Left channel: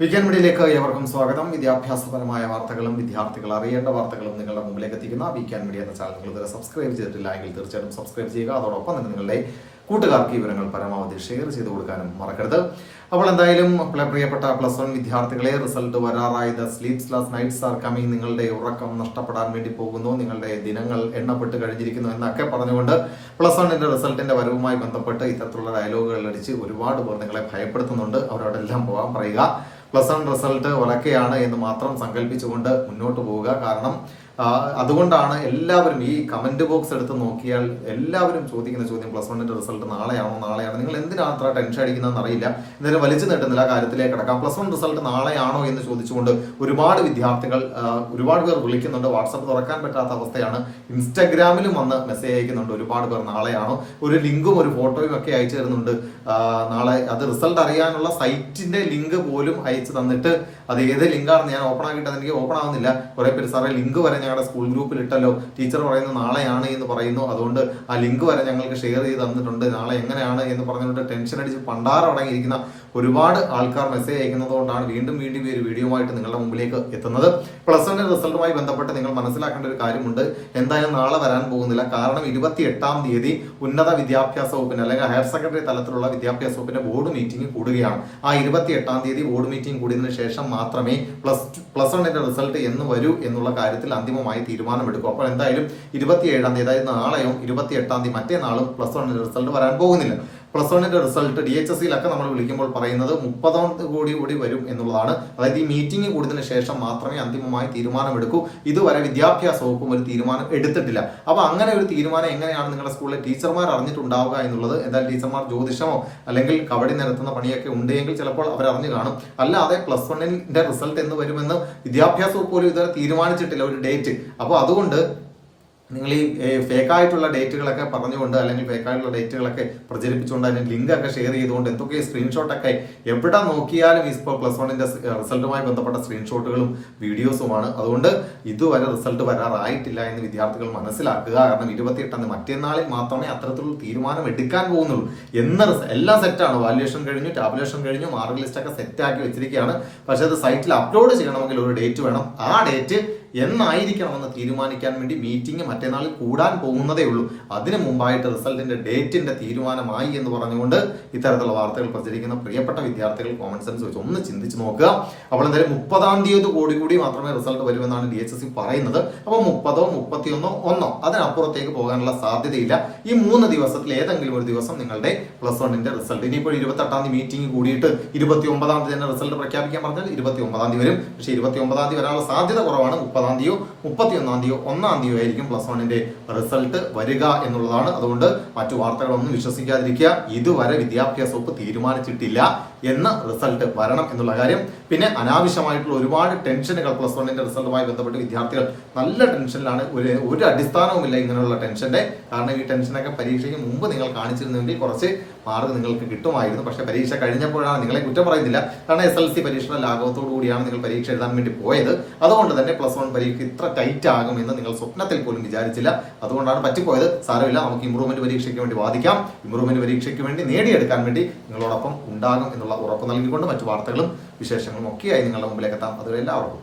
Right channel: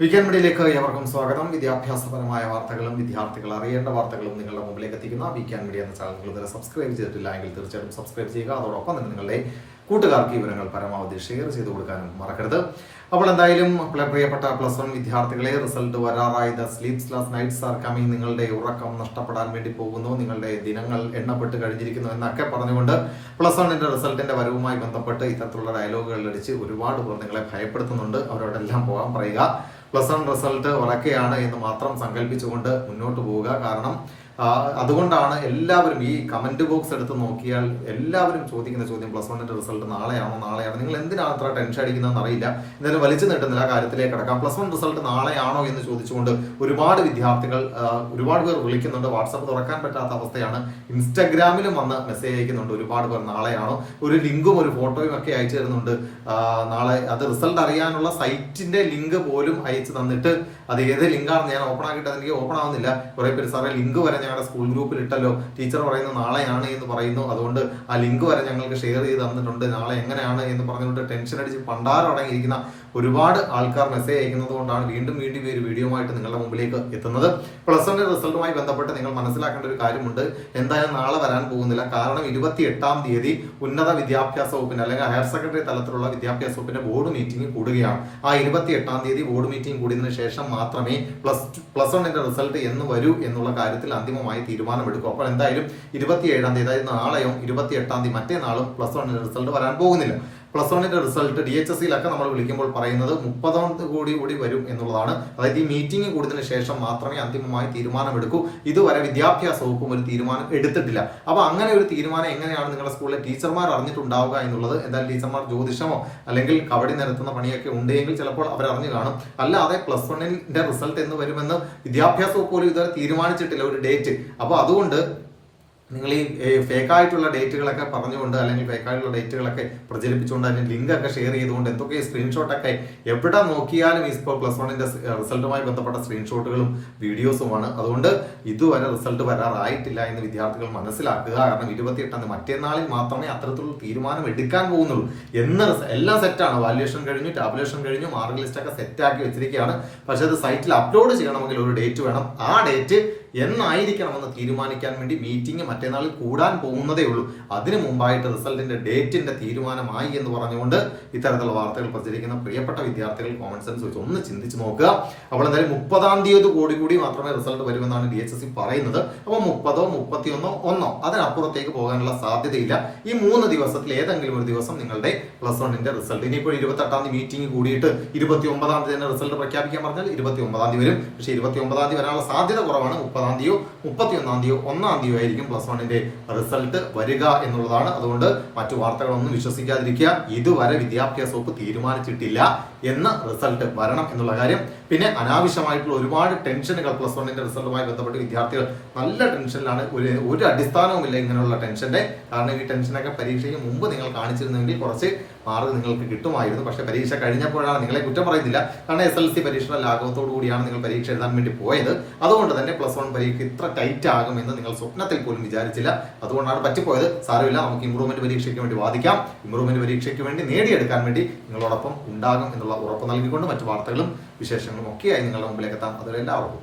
Weekend മീഡിയയിലേക്ക് ഏവർക്കും സ്വാഗതം. വിദ്യാഭ്യാസപരമായ വാർത്തകളും വിദ്യാർത്ഥികൾ അറിയേണ്ട വാർത്തകളും നിങ്ങളുടെ മുമ്പിലേക്ക് എത്തിക്കുന്ന വീക്കെൻഡ് മീഡിയ എന്ന ചാനൽ. നിങ്ങൾ ഇതുവരെ സബ്സ്ക്രൈബ് ചെയ്തിട്ടില്ല എങ്കിൽ തീർച്ചയായിട്ടും സബ്സ്ക്രൈബ് ചെയ്യുക. അതോടൊപ്പം തന്നെ നിങ്ങളുടെ കൂട്ടുകാർക്ക് വിവരങ്ങൾ പരമാവധി ഷെയർ ചെയ്ത് കൊടുക്കാനും മറക്കരുത്. അപ്പോൾ എന്തായാലും പ്രിയപ്പെട്ട പ്ലസ് വൺ വിദ്യാർത്ഥികളെ result വരാറായി. The sleepless nights are coming നിങ്ങളുടെ ഉറക്കം നഷ്ടപ്പെടാൻ വേണ്ടി പോകുന്നു. നിങ്ങളുടെ ദിനങ്ങൾ എണ്ണപ്പെട്ട് കഴിഞ്ഞിരിക്കുന്നു എന്നൊക്കെ പറഞ്ഞുകൊണ്ട് പ്ലസ് വണ്ണിന്റെ റിസൾട്ടിന്റെ വരവുമായി ബന്ധപ്പെട്ട് ഇത്തരത്തിലുള്ള ഡയലോഗുകൾ അടിച്ച് ഒരുപാട് പേർ നിങ്ങളെ ഭയപ്പെടുത്തുന്നുണ്ട്. അവരോടെല്ലാം പോകാൻ പറയുക. പ്ലസ് വൺ റിസൾട്ട് ഒലക്കെയാണ് എന്ന് മാത്രം സങ്കല്പിച്ചുകൊണ്ട് മുന്നോട്ട് പോവുക. കാരണം അതുകൊണ്ടാണ് എല്ലാവരും ഈ കമന്റ് ബോക്സ് എടുത്ത് നോക്കിയാൽ എല്ലാവരും ചോദിക്കുന്ന ചോദ്യം പ്ലസ് വണ്ണിന്റെ റിസൾട്ട് നാളെയാണോ നാളെയാണോ? നിങ്ങൾ എന്തിനാണ് അത്ര ടെൻഷൻ അടിക്കുന്നതെന്ന് അറിയില്ല. എന്തായാലും വലിച്ചു നീട്ടുന്നില്ല കാര്യത്തിലേക്ക് കിടക്കാം. പ്ലസ് വൺ റിസൾട്ട് നാളെയാണോ എന്ന് ചോദിച്ചുകൊണ്ട് ഒരുപാട് വിദ്യാർത്ഥികൾ ഒരുപാട് പേർ വിളിക്കുന്നുണ്ട്. വാട്സപ്പ് തുറക്കാൻ പറ്റാത്ത അവസ്ഥയാണ്. ഇൻസ്റ്റാഗ്രാമിലും വന്ന് മെസ്സേജ് അയക്കുന്നുണ്ട്. ഒരുപാട് പേർ നാളെയാണോ? ഒരു ലിങ്കും ഒരു ഫോട്ടോയും ഒക്കെ അയച്ചു തരുന്നുണ്ട്. നാളെ അത് റിസൾട്ട് അറിയാനുള്ള സൈറ്റിന്റെ ലിങ്ക് പോലും അയച്ചു തന്നിട്ട് അത് ഏത് ലിങ്കാണെന്ന് ഞാൻ ഓപ്പൺ ആക്കിയിട്ട് അതെനിക്ക് ഓപ്പൺ ആവുന്നില്ല. കുറെ പേര് സാറേ ലിങ്ക് വരെ ഞങ്ങളുടെ സ്കൂൾ ഗ്രൂപ്പിൽ ഇട്ടല്ലോ ടീച്ചർ പറയുന്നു നാളെയാണ് എന്ന് പറയുന്നു. അതുകൊണ്ട് ആ ലിങ്ക് വരെ ഞങ്ങൾക്ക് ഷെയർ ചെയ്ത് തന്നിട്ടുണ്ട്. നാളെ എങ്ങനെയാണ് എന്ന് പറഞ്ഞുകൊണ്ട് ടെൻഷൻ അടിച്ച് പണ്ടാരം അടങ്ങിയിരിക്കുന്ന ഒരുപാട് ആൾക്കാർ മെസ്സേജ് അയക്കുന്നത് കൊണ്ടാണ് വീണ്ടും വീണ്ടും ഈ ഒരു ആയിട്ട് നിങ്ങളുടെ മുമ്പിലേക്ക് എത്തുന്നത്. പ്ലസ് വൺ റിസൾട്ടുമായി ബന്ധപ്പെട്ട് നിങ്ങൾ മനസ്സിലാക്കേണ്ട ഒരു കാര്യമുണ്ട്. എന്തായാലും നാളെ വരാൻ പോകുന്നില്ല. കാരണം ഇരുപത്തി എട്ടാം തീയതി ഉന്നത വിദ്യാഭ്യാസ വകുപ്പിന് അല്ലെങ്കിൽ ഹയർ സെക്കൻഡറി തലത്തിലുള്ള വിദ്യാഭ്യാസ വകുപ്പിന്റെ ബോർഡ് മീറ്റിംഗ് കൂടുകയാണ്. ആ ഇരുപത്തി എട്ടാം തീയതി ബോർഡ് മീറ്റിംഗ് കൂടിയതിനു ശേഷം മാത്രമേ പ്ലസ് പ്ലസ് വണ്ണിന്റെ റിസൾട്ട് എന്ന് വരൂ എന്നുള്ള കാര്യത്തിൽ അന്തിമമായി തീരുമാനമെടുക്കും. അപ്പോൾ എന്തായാലും ഇരുപത്തിയേഴാം തീയതി അതായത് നാളെയും ഇരുപത്തി എട്ടാം തീയതി മറ്റേ നാളും പ്ലസ് വണ്ണിന്റെ റിസൾട്ട് വരാൻ പോകുന്നില്ല. പ്ലസ് വണ്ണിന്റെ റിസൾട്ട് ഡി എച്ച് എസ് സിയിലൊക്കെ നമ്മൾ വിളിക്കുമ്പോൾ പറയുന്നത് മുപ്പതാം കോടി കൂടി വരും എന്നുള്ളതാണ്. അതായത് ഈ മീറ്റിംഗ് കൂടിയതിനു ശേഷം മാത്രമേ അന്തിമമായി തീരുമാനമെടുക്കൂ. ഇതുവരെ വിദ്യാഭ്യാസ വകുപ്പും ഒരു തീരുമാനം എടുത്തിട്ടില്ല. അപ്പൊ അങ്ങനെ ഒരു തീരുമാനം എങ്ങനെയാണ് നിങ്ങളുടെ സ്കൂളിലെ ടീച്ചർമാർ അറിഞ്ഞിട്ടുണ്ടാവുക എന്നുള്ളത് എന്തായാലും ടീച്ചർമാർ ജ്യോതിഷമോ അല്ലെങ്കിൽ കബഡി നിരത്തുന്ന പണിയൊക്കെ ഉണ്ടെങ്കിൽ ചിലപ്പോൾ അവർ അറിഞ്ഞു കാണും. അല്ലാതെ പ്ലസ് വണ്ണിന്റെ റിസൾട്ട് എന്ന് വരുമെന്ന് വിദ്യാഭ്യാസ വകുപ്പ് പോലും ഇതുവരെ തീരുമാനിച്ചിട്ടില്ല ഒരു ഡേറ്റ്. അപ്പൊ അതുകൊണ്ട് നിങ്ങൾ ഈ ഫേക്കായിട്ടുള്ള ഡേറ്റുകളൊക്കെ പറഞ്ഞുകൊണ്ട് അല്ലെങ്കിൽ ഫേക്കായിട്ടുള്ള ഡേറ്റുകളൊക്കെ പ്രചരിപ്പിച്ചുകൊണ്ട് അതിന് ലിങ്ക് ഒക്കെ ഷെയർ ചെയ്തുകൊണ്ട് എന്തൊക്കെ സ്ക്രീൻഷോട്ടൊക്കെ എവിടെ നോക്കിയാലും ഇപ്പോൾ പ്ലസ് വണ്ണിന്റെ റിസൾട്ടുമായി ബന്ധപ്പെട്ട സ്ക്രീൻഷോട്ടുകളും വീഡിയോസുമാണ് അതുകൊണ്ട് ഇതുവരെ റിസൾട്ട് വരാറായിട്ടില്ല എന്ന് വിദ്യാർത്ഥികൾ മനസ്സിലാക്കുക. കാരണം ഇരുപത്തിയെട്ടാം മറ്റന്നാളിൽ മാത്രമേ അത്തരത്തിലുള്ള തീരുമാനം എടുക്കാൻ പോകുന്നുള്ളൂ. എന്ന എല്ലാം സെറ്റാണ് വാല്യുവേഷൻ കഴിഞ്ഞു ടാബുലേഷൻ കഴിഞ്ഞു മാർക്ക് ലിസ്റ്റ് ഒക്കെ സെറ്റ് ആക്കി വെച്ചിരിക്കുകയാണ്. പക്ഷേ അത് സൈറ്റിൽ അപ്ലോഡ് ചെയ്യണമെങ്കിൽ ഒരു ഡേറ്റ് വേണം. ആ ഡേറ്റ് എന്നായിരിക്കണമെന്ന് തീരുമാനിക്കാൻ വേണ്ടി മീറ്റിംഗ് മറ്റന്നാളിൽ കൂടാൻ പോകുന്നതേ ഉള്ളൂ. അതിനു മുമ്പായിട്ട് റിസൾട്ടിന്റെ ഡേറ്റിന്റെ തീരുമാനമായി എന്ന് പറഞ്ഞുകൊണ്ട് ഇത്തരത്തിലുള്ള വാർത്തകൾ പ്രചരിക്കുന്ന. പ്രിയപ്പെട്ട വിദ്യാർത്ഥികൾ കോമൺ സെൻസ് വെച്ച് ഒന്ന് ചിന്തിച്ചു നോക്കുക. അപ്പോൾ എന്തായാലും മുപ്പതാം തീയതി കൂടി കൂടി മാത്രമേ റിസൾട്ട് വരുമെന്നാണ് ഡി എച്ച് എസ് സി പറയുന്നത്. അപ്പോൾ മുപ്പതോ മുപ്പത്തിയൊന്നോ ഒന്നോ അതിനപ്പുറത്തേക്ക് പോകാനുള്ള സാധ്യതയില്ല. ഈ മൂന്ന് ദിവസത്തിൽ ഏതെങ്കിലും ഒരു ദിവസം നിങ്ങളുടെ പ്ലസ് വണ്ണിന്റെ റിസൾട്ട് ഇനിയിപ്പോൾ ഇരുപത്തെട്ടാം തീയതി മീറ്റിംഗ് കൂടിയിട്ട് ഇരുപത്തി ഒമ്പതാം തീയതി തന്നെ റിസൾട്ട് പ്രഖ്യാപിക്കാൻ പറഞ്ഞാൽ ഇരുപത്തി ഒമ്പതാം തീയതി വരും. പക്ഷേ ഇരുപത്തി ഒമ്പതാം തീയതി വരാനുള്ള സാധ്യത കുറവാണ്. മുപ്പതാം തീയതിയോ മുപ്പത്തി ഒന്നാം തീയതിയോ ഒന്നാം തീയതിയോ ആയിരിക്കും പ്ലസ് വണ്ണിന്റെ റിസൾട്ട് വരിക എന്നുള്ളതാണ്. അതുകൊണ്ട് മറ്റു വാർത്തകളൊന്നും വിശ്വസിക്കാതിരിക്കുക. ഇതുവരെ വിദ്യാഭ്യാസ വകുപ്പ് തീരുമാനിച്ചിട്ടില്ല എന്ന റിസൾട്ട് വരണം എന്നുള്ള കാര്യം. പിന്നെ അനാവശ്യമായിട്ടുള്ള ഒരുപാട് ടെൻഷനുകൾ പ്ലസ് വണ്ണിന്റെ റിസൾട്ടുമായി ബന്ധപ്പെട്ട് വിദ്യാർത്ഥികൾ നല്ല ടെൻഷനിലാണ് ഒരു ഒരു അടിസ്ഥാനവുമില്ല ഇങ്ങനെയുള്ള ടെൻഷന്റെ കാരണം ഈ ടെൻഷനൊക്കെ പരീക്ഷയ്ക്ക് മുമ്പ് നിങ്ങൾ കാണിച്ചിരുന്നെങ്കിൽ കുറച്ച് മാർക്ക് നിങ്ങൾക്ക് കിട്ടുമായിരുന്നു. പക്ഷെ പരീക്ഷ കഴിഞ്ഞപ്പോഴാണ് നിങ്ങളെ കുറ്റം പറയുന്നില്ല. കാരണം എസ് എൽ സി പരീക്ഷയുടെ ലാഘവത്തോടു കൂടിയാണ് നിങ്ങൾ പരീക്ഷ എഴുതാൻ വേണ്ടി പോയത്. അതുകൊണ്ട് തന്നെ പ്ലസ് വൺ പരീക്ഷ ഇത്ര ടൈറ്റ് ആകുമെന്ന് നിങ്ങൾ സ്വപ്നത്തിൽ പോലും വിചാരിച്ചില്ല. അതുകൊണ്ടാണ് പറ്റിപ്പോയത്. സാരമില്ല നമുക്ക് ഇമ്പ്രൂവ്മെന്റ് പരീക്ഷയ്ക്ക് വേണ്ടി വാദിക്കാം. ഇമ്പ്രൂവ്മെന്റ് പരീക്ഷയ്ക്ക് വേണ്ടി നേടിയെടുക്കാൻ വേണ്ടി നിങ്ങളോടൊപ്പം ഉണ്ടാകും എന്നുള്ള ഉറപ്പ് നൽകിക്കൊണ്ട് മറ്റു വാർത്തകളും വിശേഷങ്ങളും ഒക്കെയായി നിങ്ങളുടെ മുമ്പിലേക്ക് എത്താം. അതുവരെ എല്ലാവർക്കും